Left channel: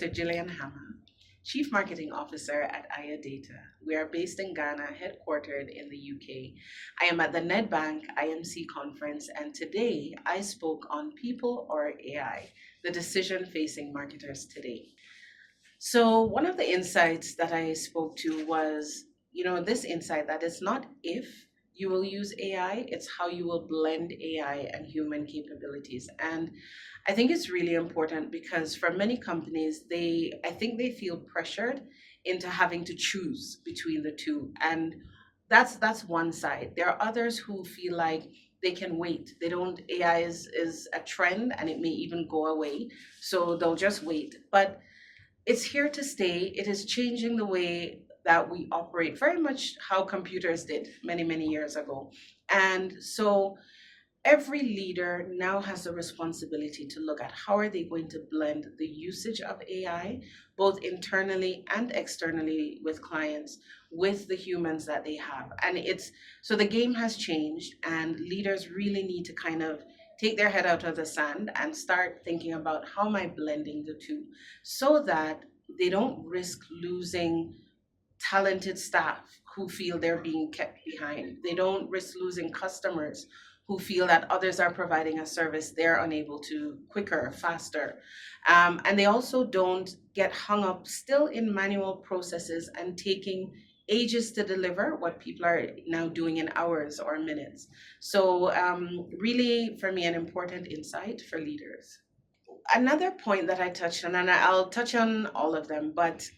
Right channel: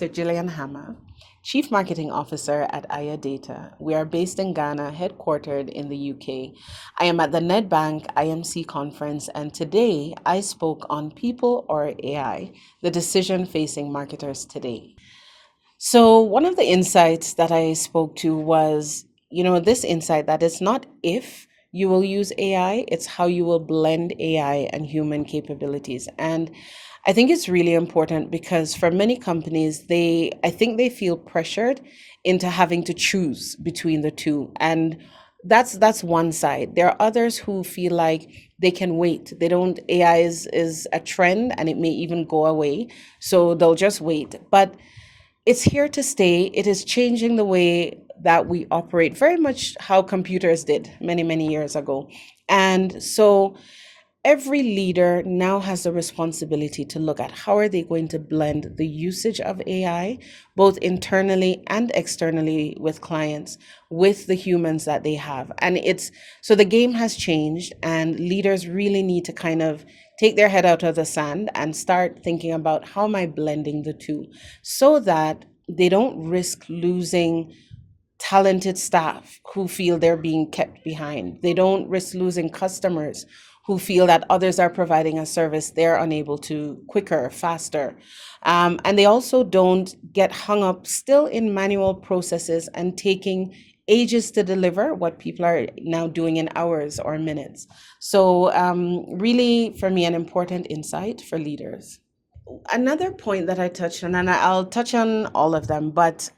Dr. Gillian Hammah, Chief Marketing Officer at Aya Data. We are based in Ghana, headquartered in the UK. I am at the Nedbank IMC Conference, and today I spoke on people or AI, the decision facing marketers today. So, one of the insights that I spoke to was, this insight that it's not if you will use AI, it's how you will blend AI and human capabilities. And I think it's really important because for many companies, I think they feel pressured into having to choose between the two. And that's one side. There are others who feel like they can wait. They don't, AI is a trend and it may even go away. So they'll just wait. But it's here to stay. It is changing the way that we operate, very much how computers did many, many years ago. And so every leader now has the responsibility to look at how are they going to blend the usage of AI, both internally and externally with clients, with the humans that they have. And it's so the game has changed, and leaders really need to kind of take their head out of the sand and start thinking about how am I blending the two so that they don't risk losing talented staff who feel they're being kept behind. They don't risk losing customers who feel that others are providing a service they're unable to quicker, faster. And they also don't get hung up still in manual processes and taking ages to deliver what people are now doing in hours or minutes. So, really, for me, an important insight for leaders. Another point that I touched on, and I'll touch on all of them, but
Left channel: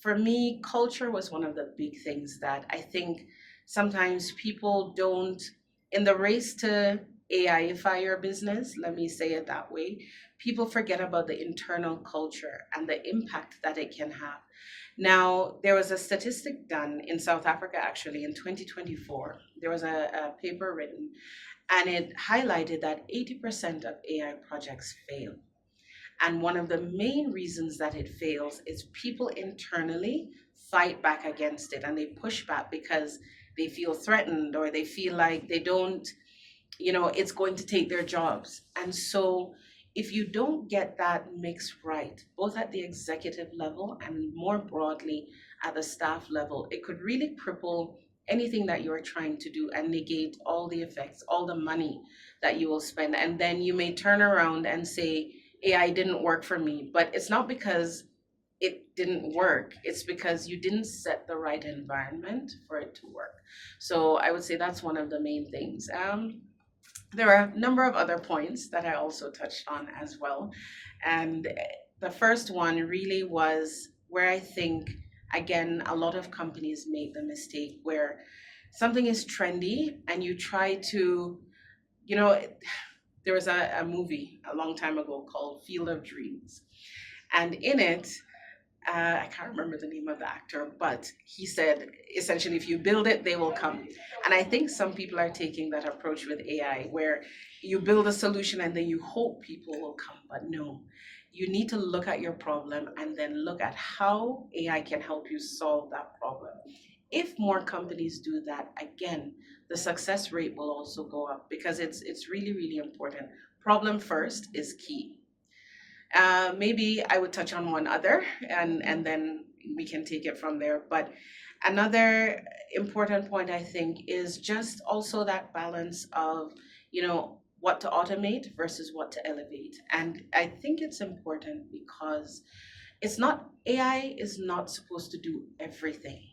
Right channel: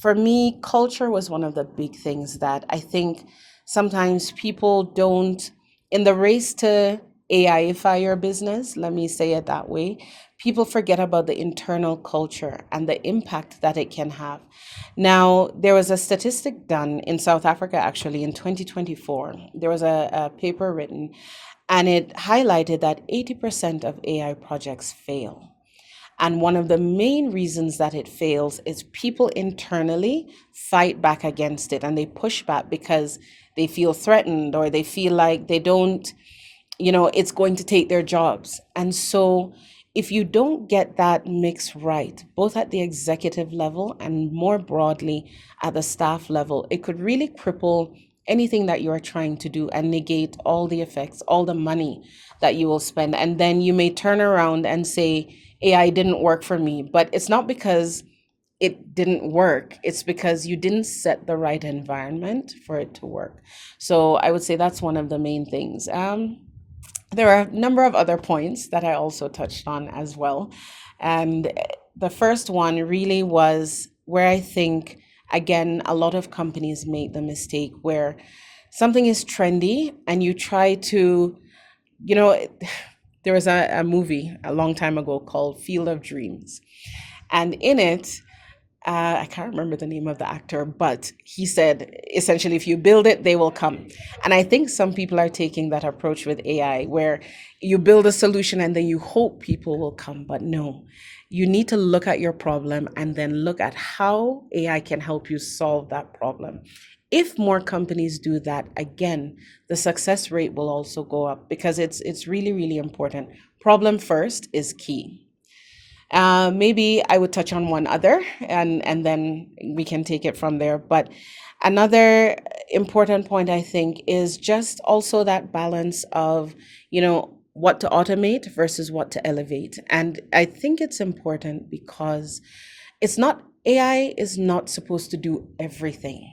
for me, culture was one of the big things that I think sometimes people don't, in the race to AIify your business, let me say it that way, people forget about the internal culture and the impact that it can have. Now, there was a statistic done in South Africa actually in 2024. There was a paper written and it highlighted that 80% of AI projects fail. And one of the main reasons that it fails is people internally fight back against it and they push back because they feel threatened or they feel like they don't, it's going to take their jobs. And so if you don't get that mix right, both at the executive level and more broadly at the staff level, it could really cripple anything that you are trying to do and negate all the effects, all the money that you will spend. And then you may turn around and say, AI didn't work for me, but it's not because it didn't work. It's because you didn't set the right environment for it to work. So I would say that's one of the main things. There are a number of other points that I also touched on as well. And the first one really was where I think, again, a lot of companies make the mistake where something is trendy and you try to, you know, there was a movie a long time ago called Field of Dreams. And in it, I can't remember the name of the actor, but he said essentially, if you build it, they will come. And I think some people are taking that approach with AI where you build a solution and then you hope people will come. But no, you need to look at your problem and then look at how AI can help you solve that problem. If more companies do that, again, the success rate will also go up because it's really, really important. Problem first is key. Maybe I would touch on one other and then we can take it from there. But another important point I think is just also that balance of, what to automate versus what to elevate. And I think it's important because AI is not supposed to do everything.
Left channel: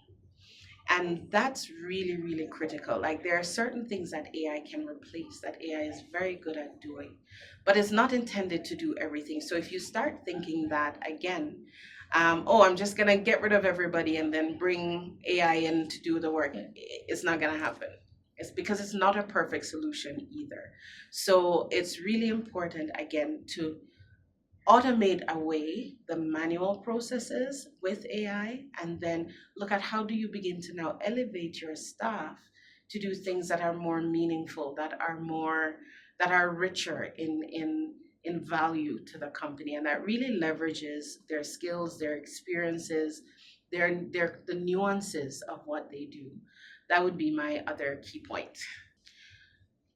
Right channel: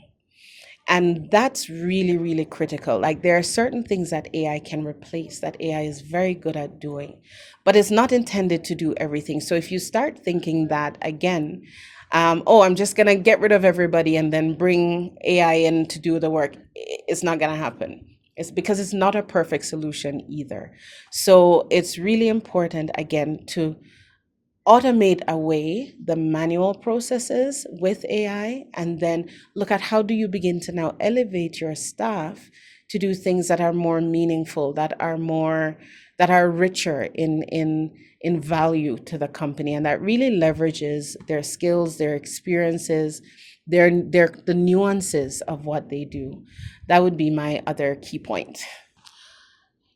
And that's really, really critical. Like there are certain things that AI can replace that AI is very good at doing, but it's not intended to do everything. So if you start thinking that again, oh, I'm just going to get rid of everybody and then bring AI in to do the work, it's not going to happen. It's because it's not a perfect solution either. So it's really important, again, to automate away the manual processes with AI and then look at how do you begin to now elevate your staff to do things that are more meaningful, that are richer in value to the company and that really leverages their skills, their experiences, the nuances of what they do. That would be my other key point.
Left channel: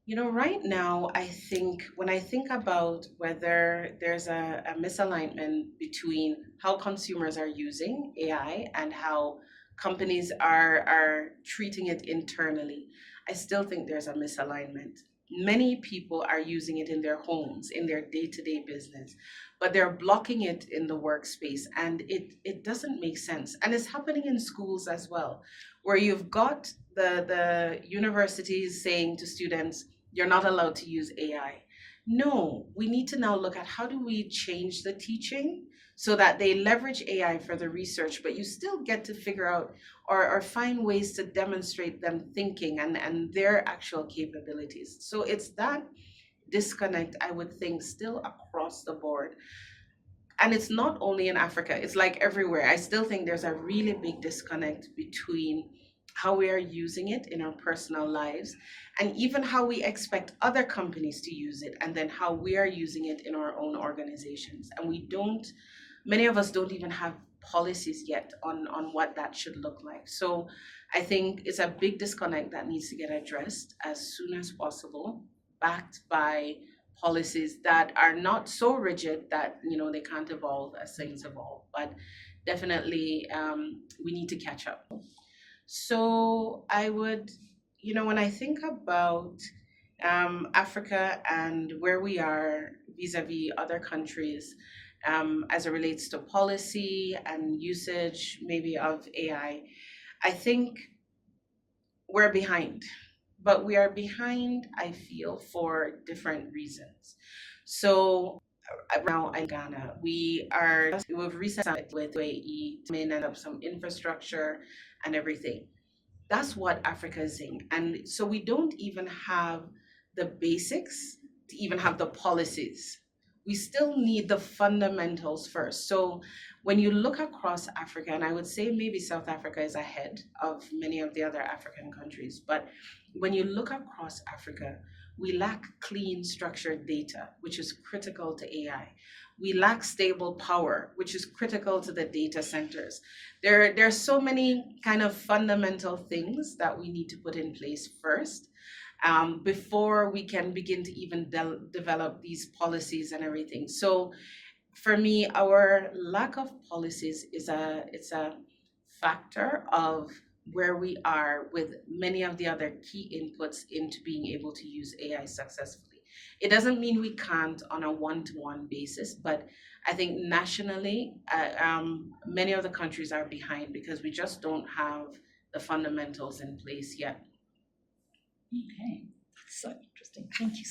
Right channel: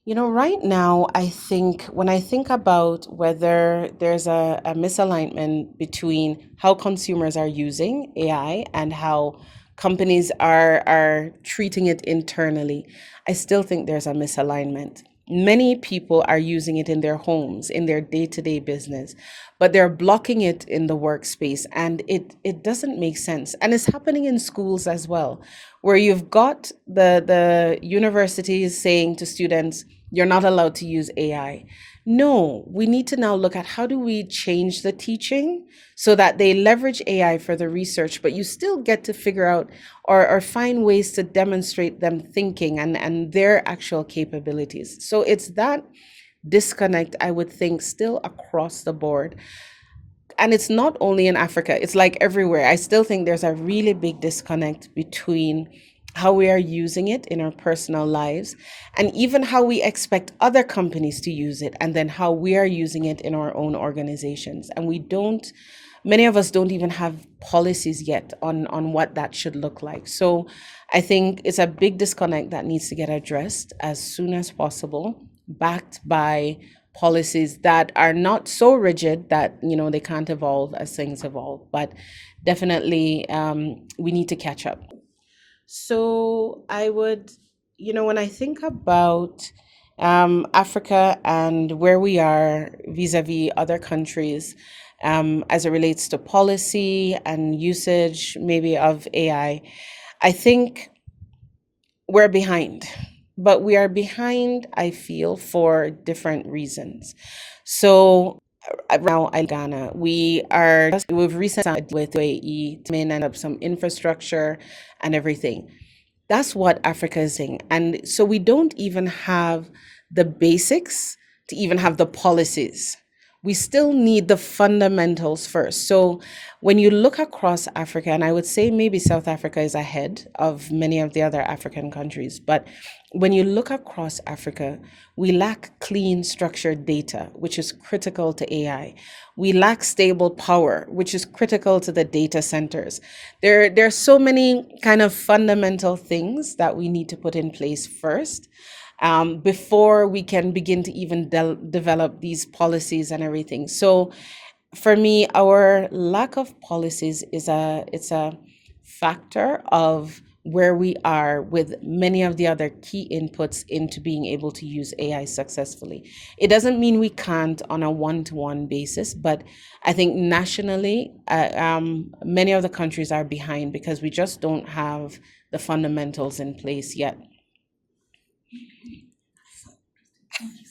Right now, I think when I think about whether there's a misalignment between how consumers are using AI and how companies are treating it internally, I still think there's a misalignment. Many people are using it in their homes, in their day-to-day business, but they're blocking it in the workspace, and it doesn't make sense. And it's happening in schools as well, where you've got the universities saying to students, you're not allowed to use AI. No, we need to now look at how do we change the teaching so that they leverage AI for the research, but you still get to figure out or find ways to demonstrate them thinking and their actual capabilities. So it's that disconnect, I would think, still across the board. And it's not only in Africa, it's like everywhere. I still think there's a really big disconnect between how we are using it in our personal lives and even how we expect other companies to use it, and then how we are using it in our own organizations. And many of us don't even have policies yet on what that should look like. So I think it's a big disconnect that needs to get addressed as soon as possible, backed by policies that are not so rigid that they can't evolve as things evolve, but definitely we need to catch up. So I would, when I think about Africa and where we are vis-a-vis other countries, as it relates to policy and usage maybe of I think we're behind. But we are behind, I feel, for different reasons. So now I Ghana. We've recently signed with UAE to end up some infrastructure and everything. That's what Africa is saying. And so we don't even have the basics to even have the policies. We still need the fundamentals first. So when you look across Africa, and I would say maybe South Africa is ahead of many of the other African countries, but when you look across Africa, we lack clean, structured data, which is critical to AI. We lack stable power, which is critical to the data centers. There are so many kind of fundamental things that we need to put in place first, before we can begin to even develop these policies and everything. So for me, our lack of policies it's a factor of where we are with many of the other key inputs into being able to use AI successfully. It doesn't mean we can't on a one-to-one basis, but I think nationally, many of the countries are behind because we just don't have the fundamentals in place yet. Okay, so interesting. Thank you